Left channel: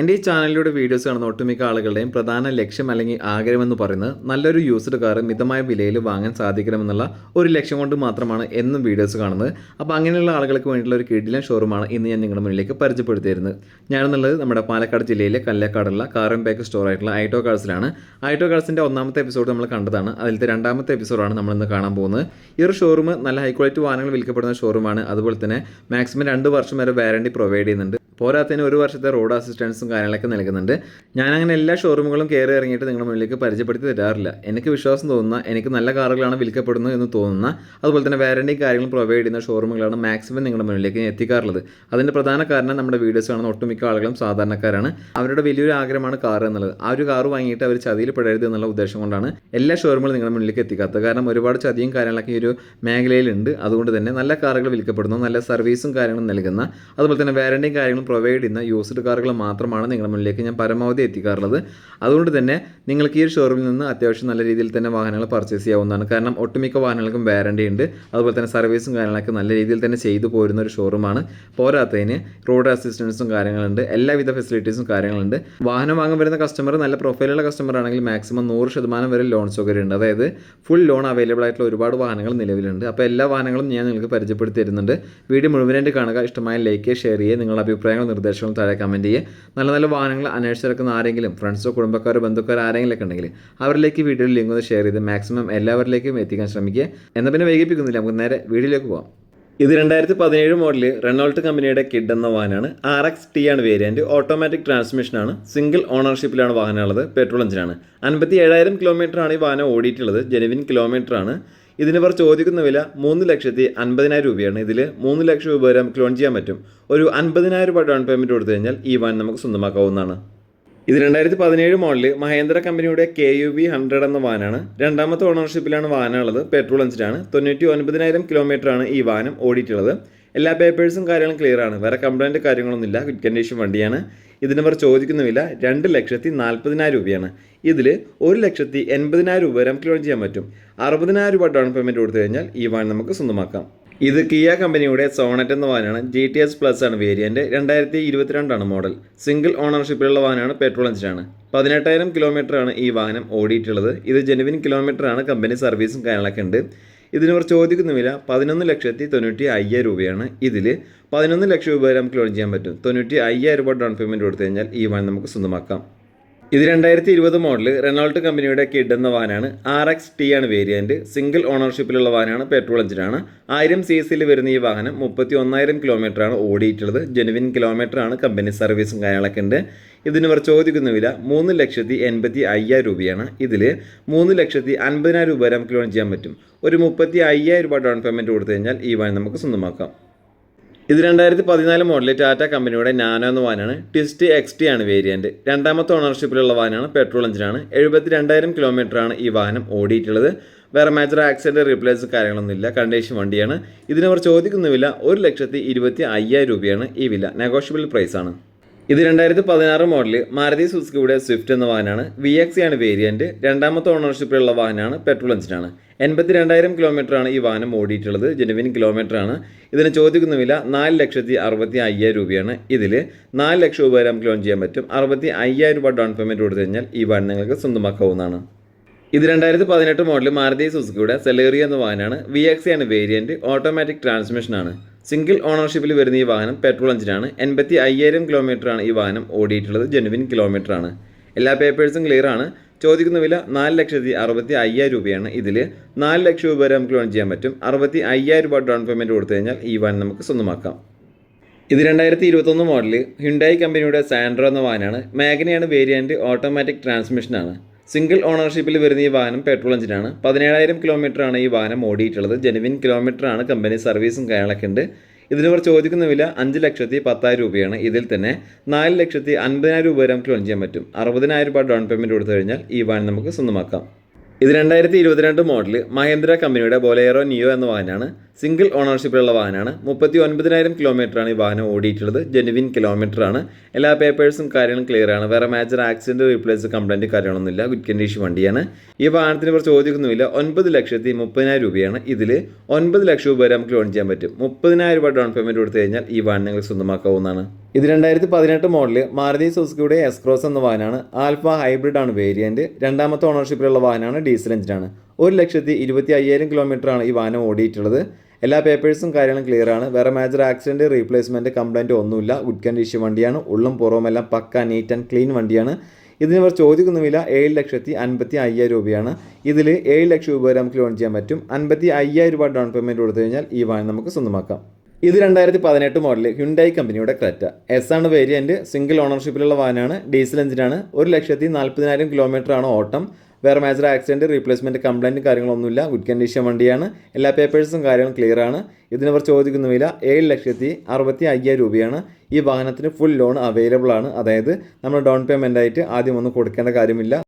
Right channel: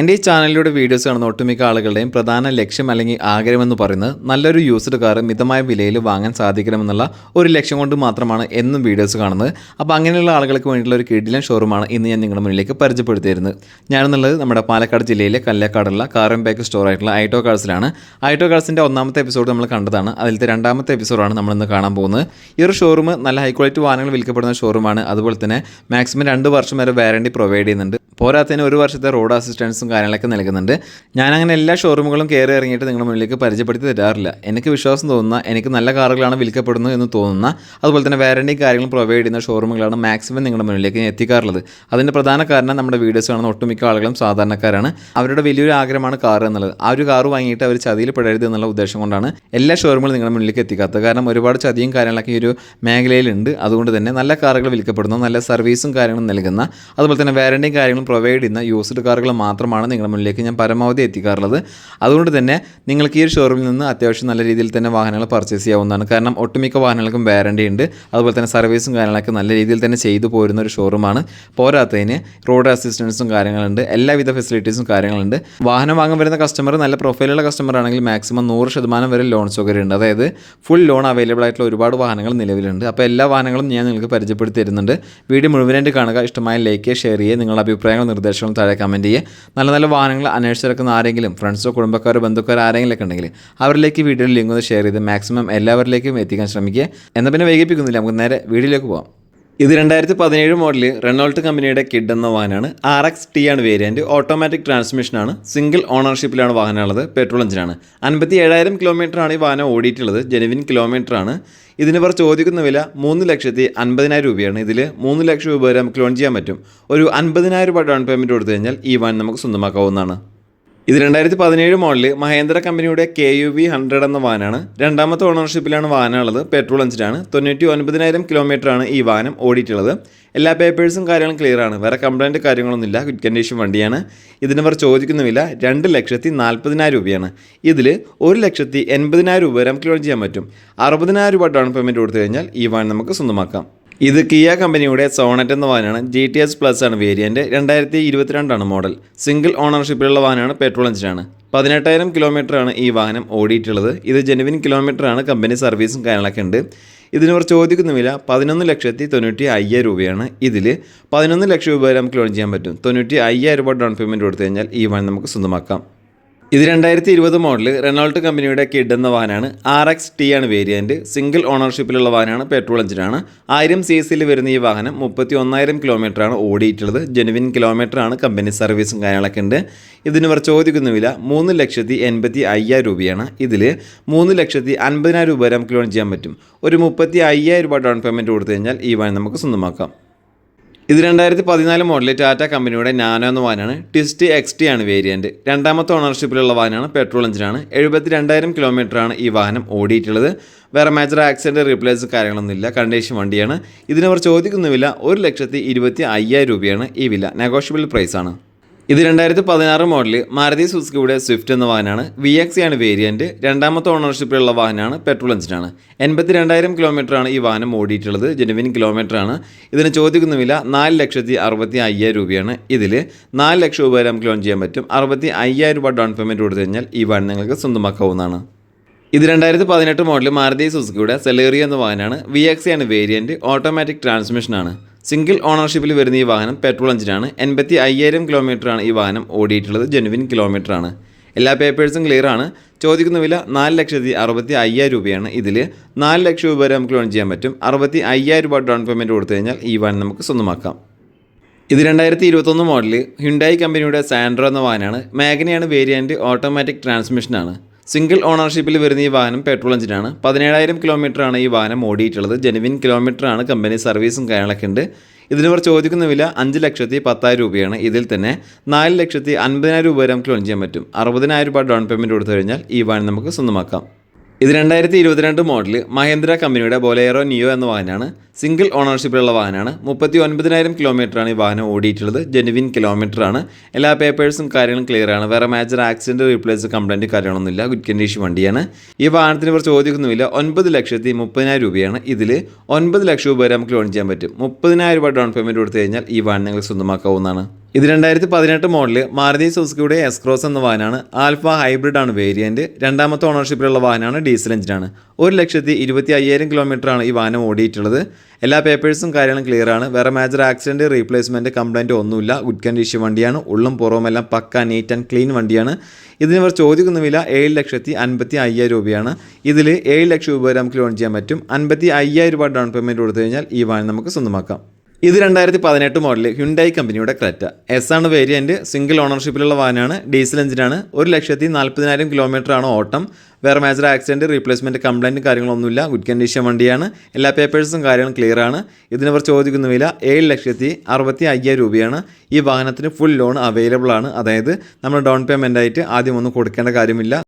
എന്റെ ഈ ചാനലിലൂടെ വീഡിയോസ് കാണുന്ന ഒട്ടുമിക്ക ആളുകളുടെയും പ്രധാന ലക്ഷ്യം അല്ലെങ്കിൽ ആഗ്രഹമെന്ന് പറയുന്നത് നല്ലൊരു യൂസ്ഡ് കാർ മിതമായ വിലയിൽ വാങ്ങാൻ സാധിക്കണമെന്നുള്ള ഒരു ലക്ഷ്യം കൊണ്ട് മാത്രമാണ് എന്നും വീഡിയോസ് കാണുന്നത്. അപ്പോൾ അങ്ങനെയുള്ള ആളുകൾക്ക് വേണ്ടിയിട്ടുള്ള ഒരു കിടിലൻ ഷോറൂമാണ് ഇന്ന് ഞാൻ നിങ്ങളുടെ മുന്നിലേക്ക് പരിചയപ്പെടുത്തിയിരുന്നത്. ഞാനെന്നുള്ളത് നമ്മുടെ പാലക്കാട് ജില്ലയിലെ കല്ലക്കാടുള്ള ആൻഡ് ബാക്ക് സ്റ്റോർ ആയിട്ടുള്ള ഐറ്റോ കാർസിലാണ് ഐറ്റോ കാർസിന്റെ ഒന്നാമത്തെ എപ്പിസോഡ് നമ്മൾ കണ്ടതാണ്. അതിലത്തെ രണ്ടാമത്തെ എപ്പിസോഡാണ് നമ്മളിന്ന് കാണാൻ പോകുന്നത്. ഈ ഒരു ഷോറൂം നല്ല ഹൈ ക്വാളിറ്റി വാഹനങ്ങൾ വിൽക്കപ്പെടുന്ന ഷോറൂമാണ് അതുപോലെ തന്നെ മാക്സിമം രണ്ട് വർഷം വരെ വാറണ്ടി പ്രൊവൈഡ് ചെയ്യുന്നുണ്ട്. പോരാത്തതിന് ഒരു വർഷത്തെ റോഡ് അസിസ്റ്റൻസും കാര്യങ്ങളൊക്കെ നൽകുന്നുണ്ട്. ഞാനങ്ങനെ എല്ലാ ഷോറൂമുകളും കയറി ഇറങ്ങിയിട്ട് നിങ്ങളുടെ മുന്നിലേക്ക് പരിചയപ്പെടുത്തി തരാറില്ല. എനിക്ക് വിശ്വാസം തോന്നുന്ന എനിക്ക് നല്ല കാറുകളാണ് വിൽക്കപ്പെടുന്നത് എന്ന് തോന്നുന്ന അതുപോലെ തന്നെ വാറണ്ടി കാര്യങ്ങളും പ്രൊവൈഡ് ചെയ്യുന്ന ഷോറൂമുകളാണ് മാക്സിമം നിങ്ങളുടെ മുന്നിലേക്ക് എത്തിക്കാറുള്ളത്. അതിന്റെ പ്രധാന കാരണം നമ്മുടെ വീഡിയോസ് കാണുന്ന ഒട്ടുമിക്ക ആളുകളും സാധാരണക്കാരാണ്. അവരുടെ വലിയൊരു ആഗ്രഹമാണ് കാർ എന്നുള്ളത്. ആ ഒരു കാർ വാങ്ങിയിട്ട് അവർ ചതിയിൽ പെടരുത് എന്നുള്ള ഉദ്ദേശം കൊണ്ടാണ് എല്ലാ ഷോറൂമുകളും നിങ്ങളുടെ മുന്നിലേക്ക് എത്തിക്കാത്തത്. കാരണം ഒരുപാട് ചതിയും കാര്യങ്ങളൊക്കെ ഈ ഒരു മേഖലയിലുണ്ട്. അതുകൊണ്ട് തന്നെ നല്ല കാറുകൾ വിൽക്കപ്പെടുന്നു നല്ല സർവീസും കാര്യങ്ങളും നൽകുന്ന അതുപോലെ തന്നെ വാറണ്ടിയും കാര്യങ്ങളും പ്രൊവൈഡ് ചെയ്യുന്ന യൂസ്ഡ് കാറുകൾ മാത്രമാണ് നിങ്ങളുടെ മുന്നിലേക്ക് ഞാൻ പരമാവധി എത്തിക്കാറുള്ളത്. അതുകൊണ്ട് തന്നെ നിങ്ങൾക്ക് ഈ ഒരു ഷോറൂമിൽ നിന്ന് അത്യാവശ്യം നല്ല രീതിയിൽ തന്നെ വാഹനങ്ങൾ പർച്ചേസ് ചെയ്യാവുന്നതാണ്. കാരണം ഒട്ടുമിക്ക വാഹനങ്ങൾക്കും വാറണ്ടി ഉണ്ട്. അതുപോലെ തന്നെ സർവീസും കാര്യങ്ങളൊക്കെ നല്ല രീതിയിൽ തന്നെ ചെയ്തു പോരുന്ന ഒരു ഷോറൂമാണ് പോരാത്തതിന് റോഡ് അസിസ്റ്റൻസും കാര്യങ്ങളുണ്ട്. എല്ലാവിധ ഫെസിലിറ്റീസും കാര്യങ്ങളുണ്ട്. വാഹനം വാങ്ങാൻ വരുന്ന കസ്റ്റമർ നല്ല പ്രൊഫൈലുള്ള കസ്റ്റമർ ആണെങ്കിൽ മാക്സിമം നൂറ് ശതമാനം വരെ ലോൺ സൗകര്യം ഉണ്ട്. അതായത് ഫുൾ ലോൺ അവൈലബിൾ ആയിട്ടുള്ള ഒരുപാട് വാഹനങ്ങൾ നിലവിലുണ്ട്. അപ്പോൾ എല്ലാ വാഹനങ്ങളും ഞാൻ നിങ്ങൾക്ക് പരിചയപ്പെടുത്തി തരുന്നുണ്ട്. വീഡിയോ മുഴുവനായിട്ട് കാണുക. ഇഷ്ടമായ ലൈക്ക് ഷെയർ ചെയ്യുക. നിങ്ങളുടെ അഭിപ്രായങ്ങളും നിർദ്ദേശങ്ങളും താഴെ കമന്റ് ചെയ്യുക. നല്ല നല്ല വാഹനങ്ങൾ അന്വേഷിച്ചിറക്കുന്ന ആരെങ്കിലും ഫ്രണ്ട്സോ കുടുംബക്കാരോ ബന്ധുക്കാരോ ആരെങ്കിലും ഒക്കെ ഉണ്ടെങ്കിൽ അവരിലേക്ക് വീഡിയോയിൽ ലിങ്ക് ഒന്ന് ഷെയർ ചെയ്ത് മാക്സിമം എല്ലാവരിലേക്കും എത്തിക്കാൻ ശ്രമിക്കുക. എന്നാൽ പിന്നെ വൈകിപ്പിക്കുന്നില്ല നമുക്ക് നേരെ വീഡിയോയിലേക്ക് പോകാം ഇത് രണ്ടായിരത്തി പതിനേഴ് മോഡൽ റെനോൾട്ട് കമ്പനിയുടെ കിഡ് എന്ന വാഹനമാണ്. ആർ എക്സ് ടി ആണ് വേരിയന്റ് ഓട്ടോമാറ്റിക് ട്രാൻസ്മിഷനാണ്. സിംഗിൾ ഓണർഷിപ്പിലാണ് വാഹനമുള്ളത്. പെട്രോൾ എഞ്ചിനാണ്. അൻപത്തി ഏഴായിരം കിലോമീറ്ററാണ് ഈ വാഹനം ഓടിയിട്ടുള്ളത്. ജെനുവിൻ കിലോമീറ്ററാണ്. ഇതിന് ഇവർ ചോദിക്കുന്ന വില മൂന്ന് ലക്ഷത്തി അൻപതിനായിരം രൂപയാണ്. ഇതിൽ മൂന്ന് ലക്ഷം രൂപ വരെ നമുക്ക് ലോൺ ചെയ്യാൻ പറ്റും. ഒരു അൻപതിനായിരം രൂപ ഡൗൺ പേയ്മെന്റ് കൊടുത്തു കഴിഞ്ഞാൽ ഈ വാഹനം നമുക്ക് സ്വന്തമാക്കാവുന്നതാണ്. ഇത് രണ്ടായിരത്തി പതിനേഴ് മോഡൽ മഹേന്ദ്ര കമ്പനിയുടെ കെ യു വി ഹൺഡ്രഡ് എന്ന വാനാണ്. രണ്ടാമത്തെ ഓണർഷിപ്പിലാണ് വാനുള്ളത് പെട്രോൾ എഞ്ചിനാണ്. തൊണ്ണൂറ്റി ഒൻപതിനായിരം കിലോമീറ്ററാണ് ഈ വാനം ഓടിയിട്ടുള്ളത്. എല്ലാ പേപ്പേഴ്സും കാര്യങ്ങളും ക്ലിയർ ആണ്. വേറെ കംപ്ലൈന്റ് കാര്യങ്ങളൊന്നുമില്ല. ഗുഡ് കണ്ടീഷൻ വണ്ടിയാണ്. ഇതിന് ഇവർ ചോദിക്കുന്നുമില്ല. രണ്ട് ലക്ഷത്തി നാൽപ്പതിനായിരം രൂപയാണ്. ഇതിൽ ഒരു ലക്ഷത്തി എൺപതിനായിരം രൂപ വരെ നമുക്ക് ലോൺ ചെയ്യാൻ പറ്റും. അറുപതിനായിരം രൂപ ഡൗൺ പേയ്മെന്റ് കൊടുത്തു കഴിഞ്ഞാൽ ഈ വാൻ നമുക്ക് സ്വന്തമാക്കാം. ഇത് കിയ കമ്പനിയുടെ സോണറ്റ് എന്ന വാഹനമാണ്. ജി ടി എസ് പ്ലസ് ആണ് വേരിയന്റ് രണ്ടായിരത്തി ഇരുപത്തിരണ്ടാണ് മോഡൽ. സിംഗിൾ ഓണർഷിപ്പിലുള്ള വാഹനമാണ്. പെട്രോൾ എഞ്ചിനാണ് പതിനെട്ടായിരം കിലോമീറ്ററാണ് ഈ വാഹനം ഓടിയിട്ടുള്ളത്. ഇത് ജെനുവിൻ കിലോമീറ്ററാണ് കമ്പനി സർവീസും കാര്യങ്ങളൊക്കെ ഉണ്ട്. ഇതിന് ഇവർ ചോദിക്കുന്ന വില. പതിനൊന്ന് ലക്ഷത്തി തൊണ്ണൂറ്റി അയ്യായിരം രൂപയാണ് ഇതിൽ പതിനൊന്ന് ലക്ഷം രൂപ വരെ നമുക്ക് ലോൺ ചെയ്യാൻ പറ്റും. തൊണ്ണൂറ്റി അയ്യായിരം രൂപ ഡൗൺ പേയ്മെന്റ് കൊടുത്തു കഴിഞ്ഞാൽ ഈ വാഹനം നമുക്ക് സ്വന്തമാക്കാം. ഇത് രണ്ടായിരത്തി ഇരുപത് മോഡൽ റെനോൾട്ട് കമ്പനിയുടെ കിഡ് എന്ന വാനാണ്. ആർ എക്സ് ടി ആണ് വേരിയന്റ് സിംഗിൾ ഓണർഷിപ്പിലുള്ള വാനാണ് പെട്രോൾ എഞ്ചിനാണ് ആയിരം സി സിയിൽ വരുന്ന ഈ വാഹനം മുപ്പത്തി ഒന്നായിരം കിലോമീറ്ററാണ് ഓടിയിട്ടുള്ളത്. ജെനുവിൻ കിലോമീറ്ററാണ് കമ്പനി സർവീസും കാര്യങ്ങളൊക്കെ ഉണ്ട്. ഇതിന് ഇവർ ചോദിക്കുന്ന വില മൂന്ന് ലക്ഷത്തി എൺപത്തി അയ്യായിരം രൂപയാണ്. ഇതിൽ മൂന്ന് ലക്ഷത്തി അൻപതിനായിരം രൂപ വരെ നമുക്ക് ലോൺ ചെയ്യാൻ പറ്റും. ഒരു മുപ്പത്തി അയ്യായിരം രൂപ ഡൗൺ പേയ്മെന്റ് കൊടുത്തു കഴിഞ്ഞാൽ ഈ വാഹനം നമുക്ക് സ്വന്തമാക്കാം. ഇത് രണ്ടായിരത്തി പതിനാല് മോഡലിൽ ടാറ്റ കമ്പനിയുടെ നാനോ എന്ന വാനാണ്. ടിസ്റ്റ് എക്സ് ടി ആണ് വേരിയന്റ് രണ്ടാമത്തെ ഓണർഷിപ്പിലുള്ള വാനാണ് പെട്രോൾ എഞ്ചിനാണ്. എഴുപത്തി രണ്ടായിരം കിലോമീറ്ററാണ് ഈ വാഹനം ഓടിയിട്ടുള്ളത്. വേറെ മേജർ ആക്സിഡന്റ് റീപ്ലേസ് കാര്യങ്ങളൊന്നും ഇല്ല. കണ്ടീഷൻ വണ്ടിയാണ്. ഇതിനവർ ചോദിക്കുന്ന വില ഒരു ലക്ഷത്തി ഇരുപത്തി അയ്യായിരം രൂപയാണ് ഈ വില. നെഗോഷ്യബിൾ പ്രൈസാണ് ഇത് രണ്ടായിരത്തി പതിനാറ് മോഡൽ മാരുതി സുസുക്കിയുടെ സ്വിഫ്റ്റ് എന്ന വാഹനമാണ്. വി എക്സ് ആണ് വേരിയന്റ് രണ്ടാമത്തെ ഓണർഷിപ്പിലുള്ള വാഹനമാണ് പെട്രോൾ എഞ്ചിനാണ് എൺപത്തി രണ്ടായിരം കിലോമീറ്ററാണ് ഈ വാഹനം ഓടിയിട്ടുള്ളത്. ജെനുവിൻ കിലോമീറ്ററാണ് ഇതിന് ചോദിക്കുന്ന വില നാല് ലക്ഷത്തി അറുപത്തി അയ്യായിരം രൂപയാണ് ഇതിൽ നാല് ലക്ഷം രൂപ വരെ നമുക്ക് ലോൺ ചെയ്യാൻ പറ്റും. അറുപത്തി അയ്യായിരം രൂപ ഡൗൺ പേയ്മെന്റ് കൊടുത്തു കഴിഞ്ഞാൽ ഈ വാഹനം നിങ്ങൾക്ക് സ്വന്തമാക്കാവുന്നതാണ്. ഇത് രണ്ടായിരത്തി പതിനെട്ട് മോഡൽ മാരുതി സുസുക്കിയുടെ സെലേറിയ എന്ന വാഹനമാണ്. വി എക്സ് ആണ് വേരിയന്റ് ഓട്ടോമാറ്റിക് ട്രാൻസ്മിഷനാണ് സിംഗിൾ ഓണർഷിപ്പിൽ വരുന്ന ഈ വാഹനം പെട്രോൾ എഞ്ചിനാണ്. എൺപത്തി അയ്യായിരം കിലോമീറ്ററാണ് ഈ വാഹനം ഓടിയിട്ടുള്ളത്. ജെനുവിൻ കിലോമീറ്ററാണ്. എല്ലാ പേപ്പേഴ്സും ക്ലിയർ ആണ്. ചോദിക്കുന്ന വില നാല് ലക്ഷത്തി അറുപത്തി അയ്യായിരം രൂപയാണ്. ഇതിൽ നാല് ലക്ഷം രൂപ വരെ നമുക്ക് ലോൺ ചെയ്യാൻ പറ്റും. അറുപത്തി അയ്യായിരം രൂപ ഡൗൺ പേയ്മെന്റ് കൊടുത്തു കഴിഞ്ഞാൽ ഈ വാഹനം നമുക്ക് സ്വന്തമാക്കാം. ഇത് രണ്ടായിരത്തി ഇരുപത്തൊന്ന് മോഡൽ ഹ്യുണ്ടായി കമ്പനിയുടെ സാൻഡ്രോ എന്ന വാഹനമാണ്. മാഗ്നയാണ് വേരിയന്റ് ഓട്ടോമാറ്റിക് ട്രാൻസ്മിഷനാണ് സിംഗിൾ ഓണർഷിപ്പിൽ വരുന്ന ഈ വാഹനം പെട്രോൾ എഞ്ചിനാണ് പതിനേഴായിരം കിലോമീറ്ററാണ് ഈ വാഹനം ഓടിയിട്ടുള്ളത്. ജെനുവിൻ കിലോമീറ്ററാണ് കമ്പനി സർവീസും കാര്യങ്ങളൊക്കെ ഉണ്ട്. ഇതിന് ഇവർ ചോദിക്കുന്ന വില അഞ്ച് ലക്ഷത്തി പത്തായിരം രൂപയാണ്. ഇതിൽ തന്നെ നാല് ലക്ഷത്തി അൻപതിനായിരം രൂപ വരെ നമുക്ക് ലോൺ ചെയ്യാൻ പറ്റും. അറുപതിനായിരം രൂപ ഡൗൺ പേയ്മെന്റ് കൊടുത്തു കഴിഞ്ഞാൽ ഈ വാഹനം നമുക്ക് സ്വന്തമാക്കാം. ഇത് രണ്ടായിരത്തി ഇരുപത്തിരണ്ട് മോഡൽ മഹേന്ദ്ര കമ്പനിയുടെ ബൊലേറോ നിയോ എന്ന വാഹനമാണ്. സിംഗിൾ ഓണർഷിപ്പിലുള്ള വാഹനമാണ്. മുപ്പത്തി ഒൻപതിനായിരം കിലോമീറ്ററാണ് ഈ വാഹനം ഓടിയിട്ടുള്ളത്. ജെനുവിൻ കിലോമീറ്ററാണ് എല്ലാ പേപ്പേഴ്സും കാര്യങ്ങളും ക്ലിയർ ആണ്. വേറെ മേജർ ആക്സിഡന്റ് റീപ്ലേസ് കംപ്ലൈന്റ് കാര്യങ്ങളൊന്നുമില്ല ഗുഡ് കണ്ടീഷൻ വണ്ടിയാണ്. ഈ വാഹനത്തിന് ഇവർ ചോദിക്കുന്നുമില്ല ഒൻപത് ലക്ഷത്തി മുപ്പതിനായിരം രൂപയാണ് ഇതിൽ ഒൻപത് ലക്ഷം രൂപ വരെ നമുക്ക് ലോൺ ചെയ്യാൻ പറ്റും. മുപ്പതിനായിരം രൂപ ഡൗൺ പേയ്മെന്റ് കൊടുത്തു കഴിഞ്ഞാൽ ഈ വാഹനം നിങ്ങൾക്ക് സ്വന്തമാക്കാവുന്നതാണ്. ഇത് രണ്ടായിരത്തി പതിനെട്ട് മോഡൽ മാരുതി സുസുക്കിയുടെ എസ്ക്രോസ് എന്ന വാഹനമാണ്. ആൽഫ ഹൈബ്രിഡ് ആണ് വേരിയന്റ് രണ്ടാമത്തെ ഓണർഷിപ്പിലുള്ള വാഹനമാണ് ഡീസൽ എഞ്ചിനാണ് ഒരു ലക്ഷത്തി ഇരുപത്തി അയ്യായിരം കിലോമീറ്ററാണ് ഈ വാഹനം ഓടിയിട്ടുള്ളത്. എല്ലാ പേപ്പേഴ്സും കാര്യങ്ങളും ക്ലിയർ ആണ്. വേറെ മേജർ ആക്സിഡന്റ് റീപ്ലേസ്മെന്റ് കംപ്ലൈന്റ് ഒന്നുമില്ല. ഗുഡ് കണ്ടീഷൻ വണ്ടിയാണ്. ഉള്ളും പുറവുമെല്ലാം പക്ക നീറ്റ് ആൻഡ് ക്ലീൻ വണ്ടിയാണ്. ഇതിന് ഇവർ ചോദിക്കുന്ന വില ഏഴ് ലക്ഷത്തി അൻപത്തി അയ്യായിരം രൂപയാണ്. ഇതിൽ ഏഴ് ലക്ഷം രൂപ വരെ നമുക്ക് ലോൺ ചെയ്യാൻ പറ്റും. അൻപത്തി അയ്യായിരം രൂപ ഡൗൺ പേയ്മെന്റ് കൊടുത്തു കഴിഞ്ഞാൽ ഈ വാഹനം നമുക്ക് സ്വന്തമാക്കാം. ഇത് രണ്ടായിരത്തി പതിനെട്ട് മോഡൽ ഹ്യുണ്ടായി കമ്പനിയുടെ ക്രെറ്റ എസ് ആണ് വേരിയന്റ് സിംഗിൾ ഓണർഷിപ്പിലുള്ള വാഹനമാണ്. ഡീസൽ എഞ്ചിനാണ് ഒരു ലക്ഷത്തി നാൽപ്പതിനായിരം കിലോമീറ്റർ ആണ് ഓട്ടം. വേറെ മേജർ ആക്സിഡന്റ് റീപ്ലേസ്മെന്റ് കംപ്ലൈന്റ് കാര്യങ്ങളൊന്നുമില്ല. ഗുഡ് കണ്ടീഷൻ വണ്ടിയാണ്. എല്ലാ പേപ്പേഴ്സും കാര്യങ്ങളും ക്ലിയർ ആണ്. ഇതിനവർ ചോദിക്കുന്ന വില ഏഴ് ലക്ഷത്തി അറുപത്തി അയ്യായിരം രൂപയാണ്. ഈ വാഹനത്തിന് ഫുൾ ലോൺ അവൈലബിൾ ആണ്. അതായത് നമ്മൾ ഡൗൺ പേയ്മെന്റ് ആയിട്ട് ആദ്യം ഒന്നും കൊടുക്കേണ്ട കാര്യമില്ല.